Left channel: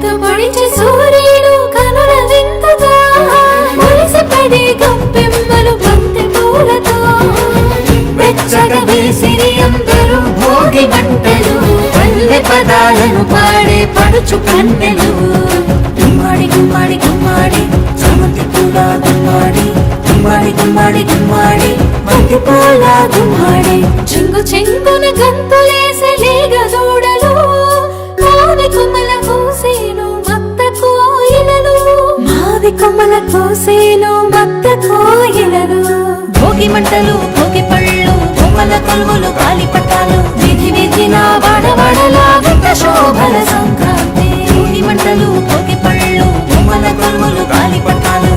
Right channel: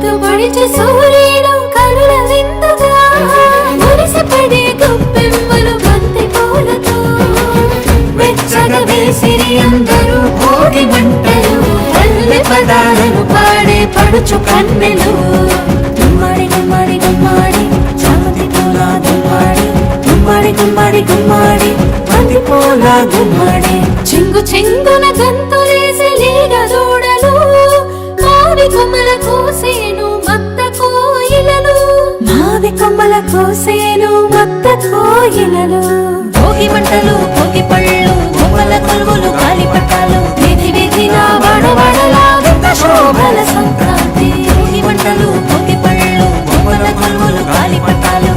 పొడిచి సూర్యుడు కనుల విందుగా మురిసిపడే గొప్పెమ్మలు బంతి పూలతో వెచ్చగా వేసిరి అందరూ భోగి మంటలు పల్లె పదాలను పాడే పడుచు కన్నెలు గుమ్మాడి గుమ్మాడి గుమ్మాడి చామంతి పూల గుమ్మాడి గుమ్మాడి గుమ్మాడి గుమ్మాడి బంతి పూల గుమ్మాడి చెంగు చెంగున గంతులేసే లేగ దూడలు మావి కొమ్మల కోసేను మత్త కోయిలలు మావి కొమ్మల కోసేను మత్త కోయిలలు భోగి మంటలు భోగి పళ్ళు బొమ్మల కొలువులు గాలిపటాలు విధి విధిన వాడవాడలా వింత శోభల సంక్రాంతి భోగి మంటలు భోగి పళ్ళు బొమ్మల కొలువులు గాలిపటాలు